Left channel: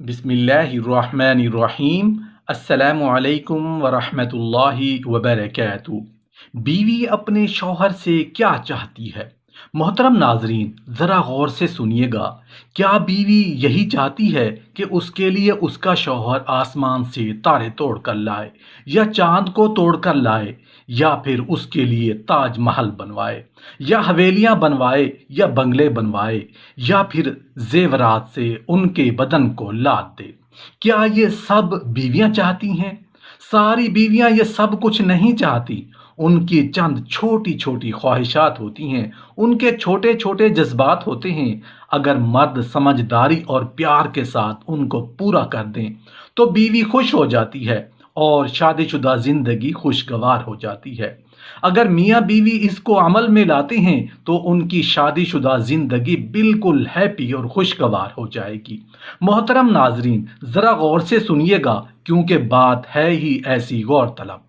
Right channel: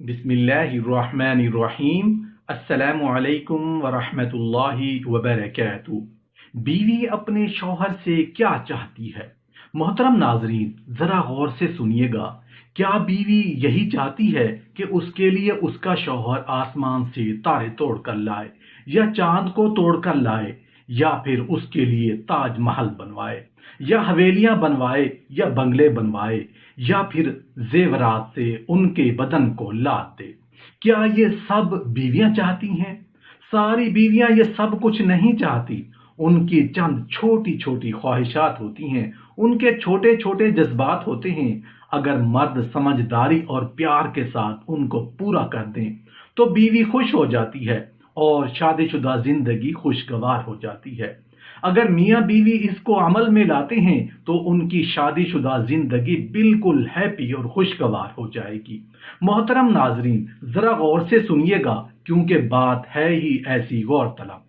बिस्मिल्लाहिर्रहमानिर्रहीम। अस्सलामु अलैकुम वरहमतुल्लाहि वबरकातुहू। बीवी अपने शौहर से क्या चाहती है? मोहतरम नाजरीन, ज़रा गौर से सुनिएगा। क्या बीवी यही चाहती है कि उसके लिए उसका शौहर आसमान से तारे तोड़ कर लाए, या चांद को तोड़ कर लाए, या फिर उसके लिए ताजमहल बनवाए, या हवेलियां बनवाए, या बंगले बनवाए, या फिर जेवरात से उनके बदन को लाद दे? क्या ये सब बीवियां चाहती हैं? सारी बीवियां ये सब कुछ नहीं चाहती। उनकी चंद छोटी छोटी ख्वाहिशात होती हैं, उनके छोटे छोटे जज्बात होते हैं। अगर मर्द समझदारी और प्यार के साथ उनको पूरा कर दें तो बीवी खुश हो जाती है और शादीशुदा जिंदगी खुशगवार हो जाती है। अगर मियाँ बीवी इसको अमल में लाते हैं तो उनकी शादीशुदा जिंदगी बिल्कुल हैप्पी और खुशगवार हो जाएगी। मोहतरम नाजरीन, ज़रा गौर से सुनिएगा, क्योंकि बात है ही ऐसी गौरतलब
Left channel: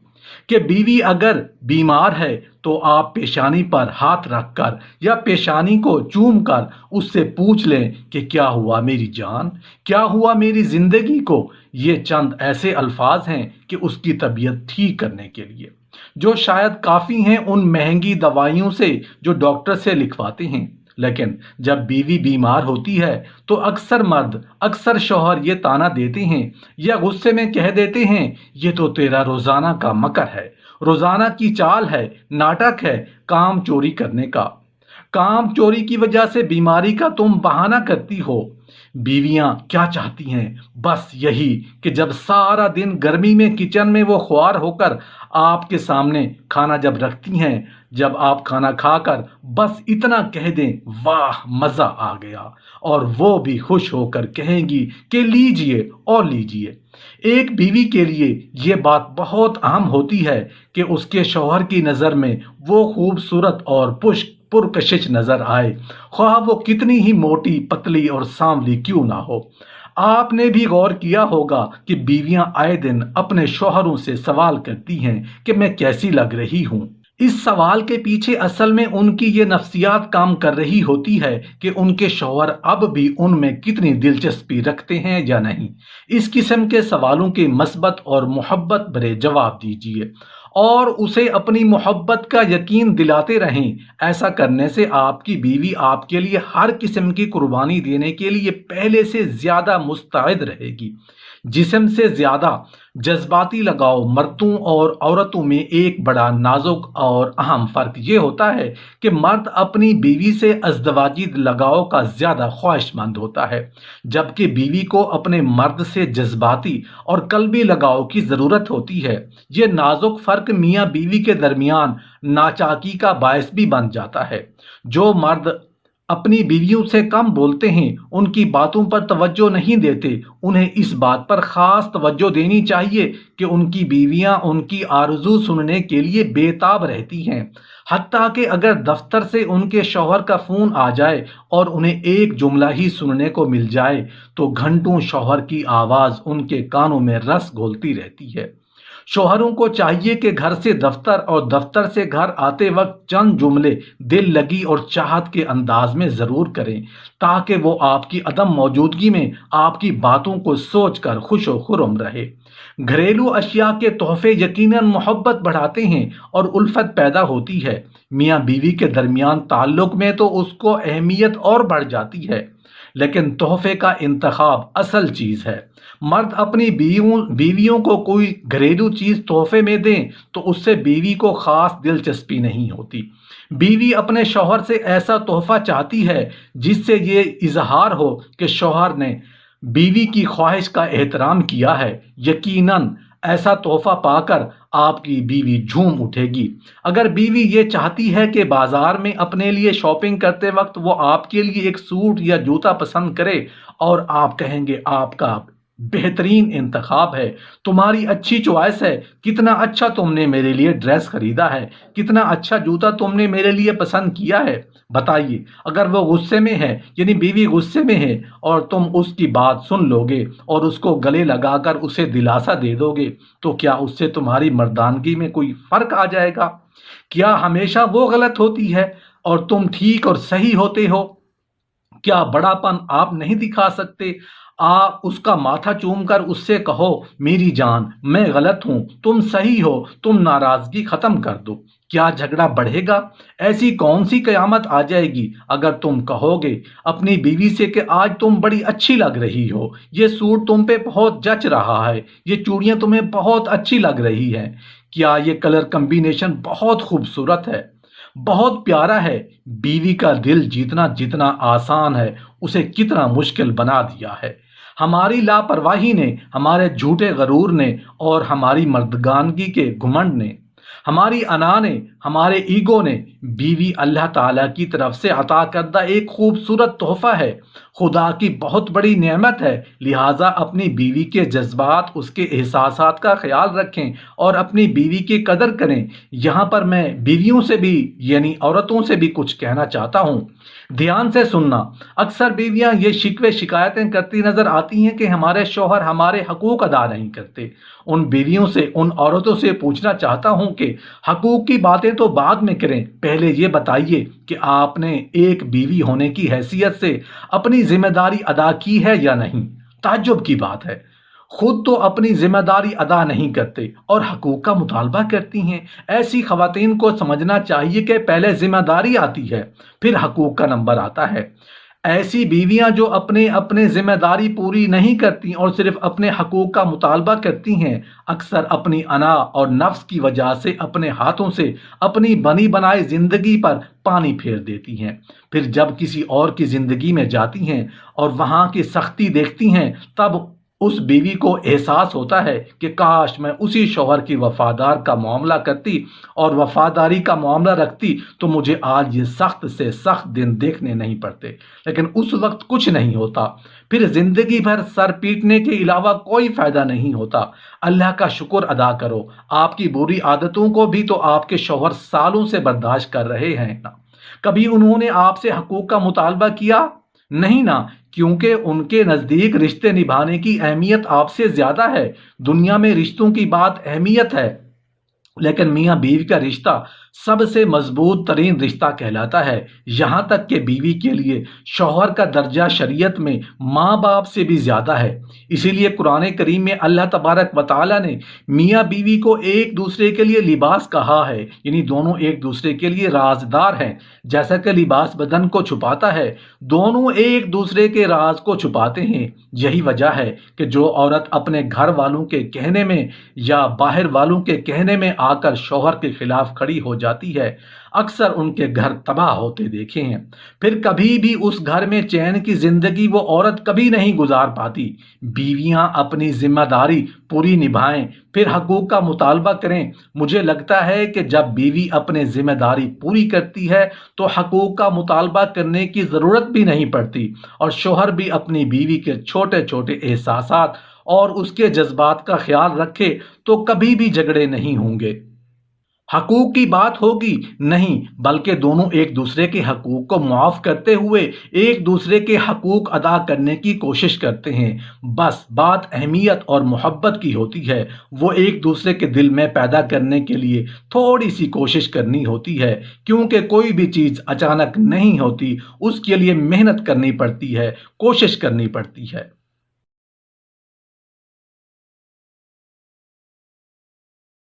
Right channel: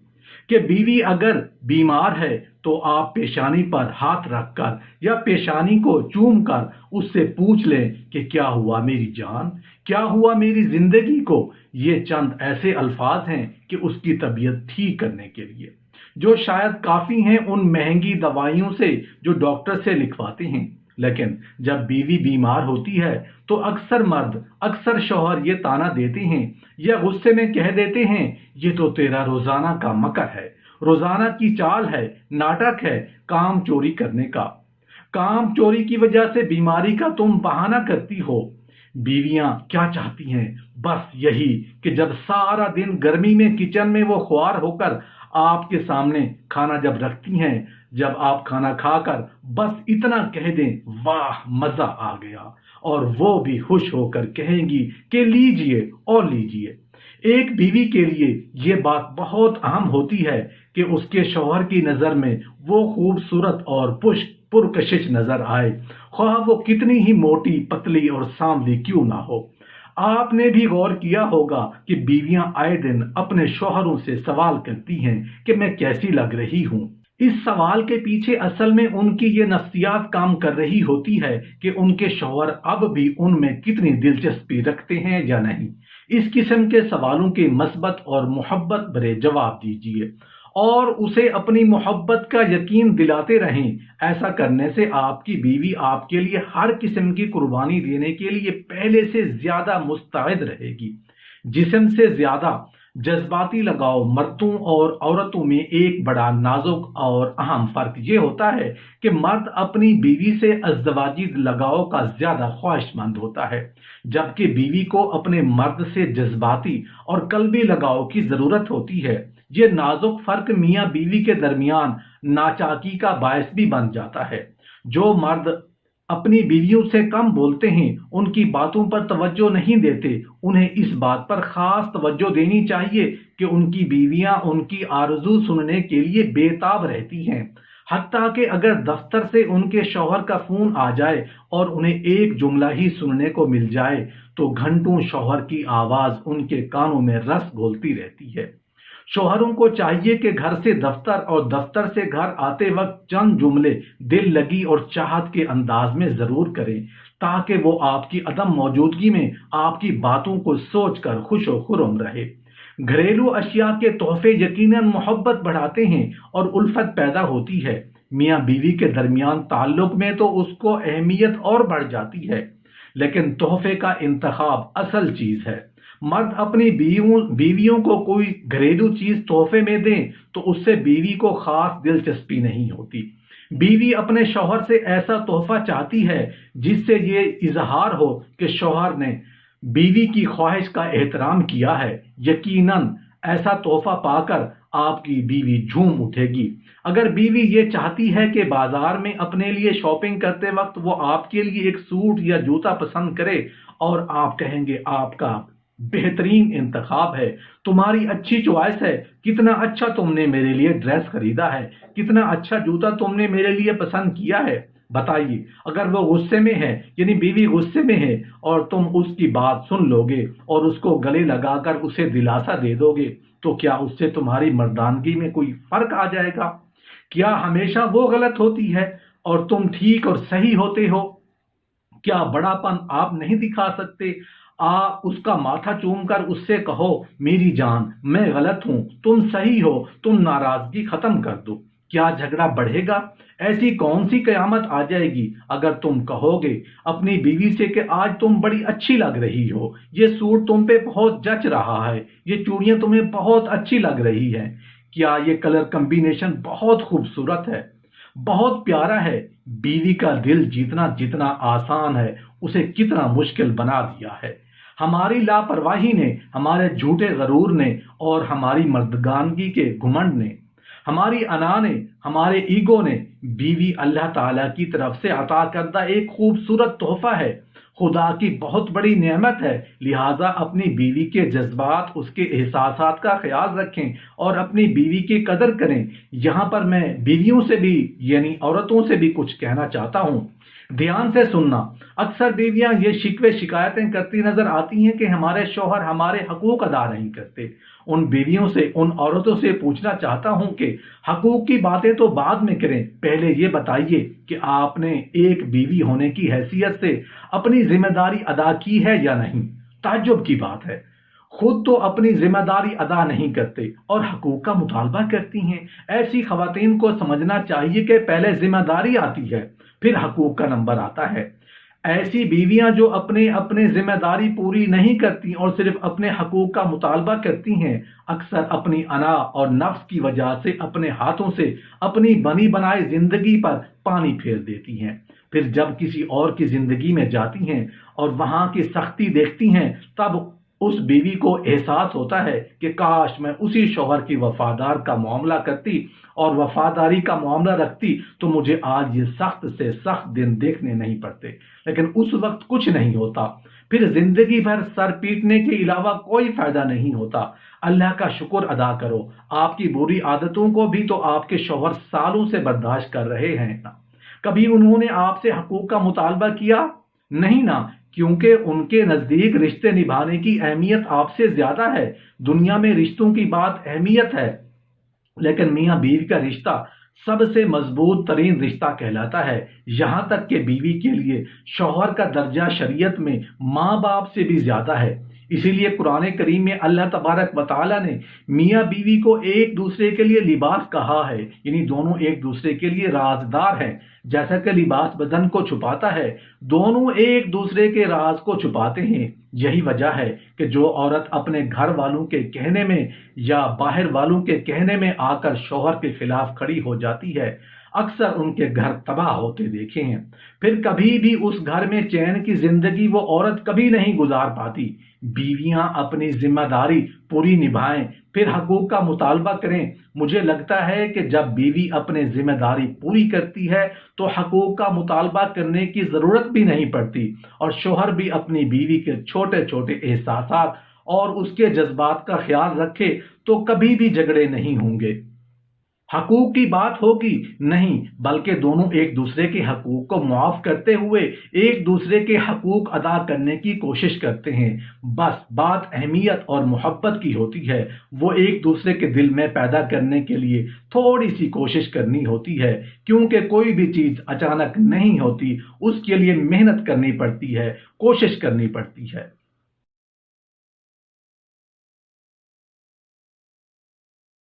कि बीवी अगर बीमार है तो आप पेशानी पर हाथ रखकर या पेशानी को चूम कर उससे पूछ लें कि क्या हुआ मेरी जान, क्या हुआ मेरी जिंदगी को। ये चंद ऐसे अल्फाज हैं कि उसकी तबीयत ठीक करने के लिए, जो शायद काफ़ी हैं उन महंगी दवाइयों से जो डॉक्टर से लिखवाते हैं। लेकिन जब बीवी बीमार होती है तो अक्सर मर्द, अक्सर शौहर ये ताना देते हैं या गुस्से में कह देते हैं, ये तो तेरा रोजाना का मकर है, रोजाना की चाल है, नाटक है काम चोरी करने का। काम चोरी की वजह से बीमारी का तुम बहाना करती हो। बीवियां क्या चाहती हैं? बस यही कि जब सारा दिन गर्मी में किचन में वो ख्वार होकर आपके सामने खाना जब रखती हैं, जब आप खाना खाकर बस इतना कह दें, वाह मजा आ गया, और वो भी खुश होकर कहेंगी कि लीजिए और लीजिए। एक बीवी के लिए ये बात बहुत अहम होती है कि उसके शौहर की नज़र में वो खूबसूरत और पुरकशिश नजर आए, ख्वाह वो कितनी ही मोटी, पतली और सांवली क्यों ना हो। आपने भी गौर किया होगा कि बीवियां आए दिन अपने शौहरों से सवाल करती हैं कि मैं कैसी लग रही हूं। इस सवाल के पीछे असल में उनकी ये नफ्सियात काम कर रही होती है कि उनके शौहर अब भी उनमें कितनी दिलचस्पी रखते हैं या नहीं। इस किस्म के सवालों के मस्बत और मोहब्बत भरे जवाब दीजिए और उसे अपनी मोहब्बत का यकीन दिलाते रहें। ऐसा करने से आपकी बीवी आपके लिए हर किस्म की कुर्बानी देने के लिए पहले से ज्यादा मुस्तैद रहेगी। जिस्म से ज्यादा जज्बाती लगाव मर्दों और औरतों में एक बड़ा नाजुक और अहम फर्क ये होता है कि मर्द अपनी बीवी से अज़दवाजी लगाव का ज्यादा ख्वाहिशमंद होता है, जबकि बीवी को अपने मर्द से जज्बाती और कल्बी लगाव की जरूरत होती है। ये नाजुक फर्क मियाँ बीवी के दरमियान नाचाकी का बायस भी बन जाता है। जो मर्द अपनी बीवियों से कम बोलते हैं, उनकी बातों पर तवज्जो नहीं देते, उन्हें इस बात पर खास तवज्जो देनी चाहिए कि उनकी बीवियां उनकी आरज़ू सुनने के लिए बेताब रहती हैं। हत्ता कि अगर दफ्तर से उनके शौहर का फ़ोन आ जाए और उन्हें एक जुमला ही सुनने को मिल जाए तो घंटों शौहर की आवाज़ उनके कानों में रस घोलती रहती है। शौहरों को चाहिए कि घर से दफ्तर और दफ्तर से घर आते वक्त चंद जुमले दिल लगी और चाहत के अंदाज में जरूर करें, ताकि वो आपकी अदम मौजूदगी में आपकी बातों को सोचकर खुश व खुर्म रहे। घरेलू अशिया के तोहफे यकीनन मोहब्बत बढ़ाते हैं और उल्फत पैदा होती है। मियाँ बीवी के दरमियान ताल्लुक में तो उसको अहमियत और बढ़ जाती है, लेकिन तोहफे का इंतखाब असल चीज़ है। मर्द अपनी बीवियों को कोई घरेलू चीज तोहफे में दें तो उससे बीवी को खास दिलचस्पी नहीं होती। बीवी अपने शौहर से ऐसा तोहफा चाहती है जिससे ये इजहार हो कि शौहर ने बीवी की ख्वाहिश का एहतराम किया है। यकीनन ऐसा तोहफा पाकर आपकी बीवी झूम उठेगी। अगर बीवी ये चाहती है कि बाजार में अपने लिए शॉपिंग करते वक्त वो आपके लिए एक सूट या जूता पसंद करे और आप कहेंगे आपका बेहतरीन इंतखाब है, तुम्हारी अच्छी चॉइस है, कितना अच्छा तुमने मेरे लिए ड्रेस खरीदा है, कितना अच्छा जूता तुमने मेरे लिए पसंद किया है। बताइए, अगर वो गुस्से में है, यानी बीवी गुस्से में है, और तुम उसकी बात सुन लोगे और उसको गले लगाकर उसे दिलासा दे दोगे, तो क्या उससे तुम्हारी मर्दानगी में कोई फर्क आ जाएगा? क्या हमेशा वो गलत होती है और तुम ठीक और सही होते हो? क्या बड़ापन आप नहीं दिखा सकते? आप उसका माथा चूम कर उससे कहो, मेरी जान मैं गलत हूं, तुम सही हो, तुम नाराजगी खत्म कर दो। क्या झगड़ा बढ़ेगा? ऐसी कौन सी कयामत आ जाएगी अगर तुम कहोगे अपनी बीवी से कि आज तुम बड़ी अच्छी लग रही हो, ये सूट तुम पे बहुत जच रहा है, ये चूड़ियां तुम्हें बहुत अच्छी लग रही हैं, क्या ये कलर कॉम्बिनेशन बहुत खूबसूरत है, बहुत प्यारा है। बीवी का दिल जीतना जितना आसान है, उसे कितना मुश्किल बना दिया है। हमारी लापरवाही ने, हमारे झूठे गरूर ने और हमारी मर्दगानगी के घुमंड ने, हमारी अना ने, हमारे ईगो ने, बीवी अल्लाह ताला की तरफ से अता करदा एक खूबसूरत तोहफा है, खुदा की बहुत बड़ी नेमत है। लिहाजा अपनी बीवी के जज्बात, उसके एहसासात का ख्याल रखें और अपनी बीवी की कदर करें। यहाँ पर मैं बीवियों से भी यानी औरतों से भी कुछ कहना चाहता हूँ। ध्यान से सुनना। अक्सर बीवियां ये शिकवे शिकायतें करती नजर आती हैं कि हमारे शौहर हमारे हकूक अदा नहीं करते। उन बीवियों से, उन औरतों से पूछना चाहता हूं कि हकूक की बातें तो बाद में करें, पहले ये बताइए कि आपने एक बीवी होने की हैसियत से अपनी जिम्मेदारी अदा की है या नहीं। ताज्जुब की बात है, खुद तो अपनी जिम्मेदारी अदा नहीं करते और हकूक का मुतालबा करती हैं। ऐसी खवातीन को समझना चाहिए कि पहले जिम्मेदारी आती है, फिर हकूक का नंबर आता है। ऐसी बीवियां जो अपने अपने जिम्मेदारी पूरी नहीं करती और सिर्फ अपने हकूक का मुतालबा करती हैं, अक्सर अपनी अना और नफ्स की वजह से अपने हाथों से अपनी बनी बनाई जिंदगी पर पानी फेर देती हैं। फिर जब किसी और की जिंदगी में जाती हैं और वहां की सख्ती देखती हैं, तब उस बीवी को एहसास होता है कि काश मैं उसी शौहर की वफादार का मामला करती और वफादारी का मामला रखती तो मुझे आज ये सख्त से सख्त दिन देखने नहीं पड़ते। लेकिन उस वक्त कुछ नहीं होता, फिर जिंदगी भर सर पीटने के अलावा कोई फायदा नहीं होता। अल्लाह का शुक्र अदा करो, आपकी बुरी आदतों को भी तो आपके शौहर सालों से बर्दाश्त कर रहे हैं ना। कभी उन्होंने आपसे हकूक का मुतालबा किया? नहीं ना, क्योंकि उनके नजदीक रिश्ते निभाने की अहमियत आपसे ज्यादा है। दुनिया में रिश्तों की बात अहमियत है, लेकिन मियाँ बीवी का रिश्ता सबसे मजबूत तरीन रिश्ता कहलाता है। यहाँ तक कि बीवी के लिए शौहर का दर्जा शरीयत में माँ बाप से भी ज्यादा है। इसीलिए कुरान करीम में अल्लाह तबारक व तआला ने मियाँ बीवी को एक दूसरे के लिए लिबास कहा है, यानी दोनों एक दूसरे के लिए राजदार हैं। जैसा कि लिबास बदन को छुपाता है, दोनों एक दूसरे के राज को छुपाते हैं। यही वजह है कि जो औरत अपने घर वालों के कहने में या बाहर वालों के कहने में आकर शौहर के खिलाफ खड़ी हो जाती है, अक्सर उनके घर तबाह होते देखे हैं। फिर कभी भी उस घर में चैन की जिंदगी वो औरत कभी नहीं गुजार पाती। बीवियां अपनी जिम्मेदारी पूरी निभाएं, फिर हकूक का मुतालबा करें। मुझे लगता है कि जब बीवी अपनी जिम्मेदारी पूरी करती है तो हकूक का मुतालबा करने की ज़रूरत भी नहीं पड़ती और शौहर भी अपनी बीवी के छोटे छोटे एहसासात और उसके जज्बात का ख्याल रखे तो कभी भी झगड़े नहीं होंगे। हकूक की बात होगी नहीं, बल्कि दोनों एक दूसरे के हकूक को मुआफ करते हुए एक दूसरे के हकूक अदा करने की कोशिश करते हैं। बस बात अहमियत और मोहब्बत की होती है, वो एक दूसरे के दिल में पैदा करने के लिए थोड़ी सी कोशिश करनी होती है, क्योंकि कोई भी चीज़ अचानक नहीं होती, उसके लिए मेहनत करनी पड़ती है, कोशिश करनी पड़ती है।